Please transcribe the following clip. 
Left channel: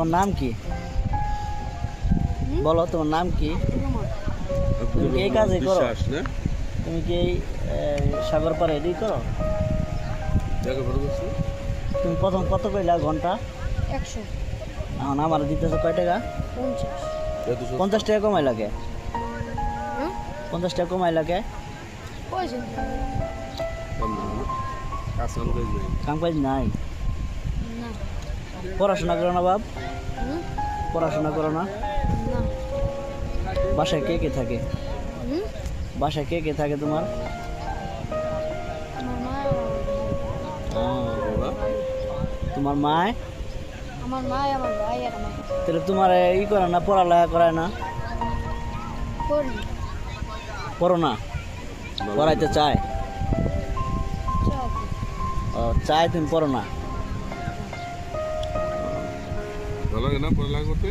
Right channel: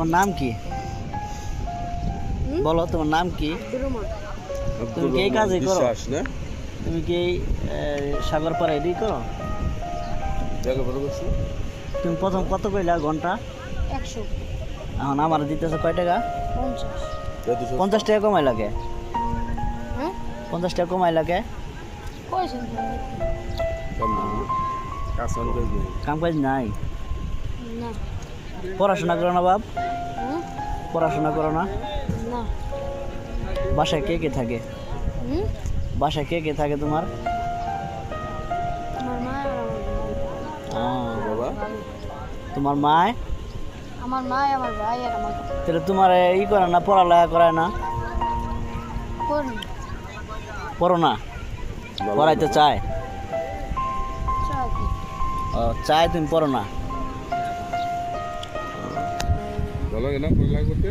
তোমার নাম কি? বলো তোমার নাম কি? তুমি কি এই কাজই করো? তুমি কি এই সাগর পাড়ে এটাই করো? তুমি প্রথম কত কইলা ঘন্টা? 100। এখন আমার দিতেছে কয় টাকা? 50। 50 টাকা কমাই লাগে। 50 টাকা কমাই লাগে। কাম কাজ নাই। পড়াশোনা করো না বাপ? পড়াশোনা করো না? বাসায় কে কে থাকে? বাসায় কে কে থাকে তোমার? তোমার মায়? আমার মা, আমার ভাই আর আমার বাবা। তাহলে তোমার ই করে না, পড়ালেখা করায় না? করি। পড়ো না? পড়াইতে চায়? ও চায়, তুমি পড়ো না? ভালো লাগে না পড়ালেখা করতে?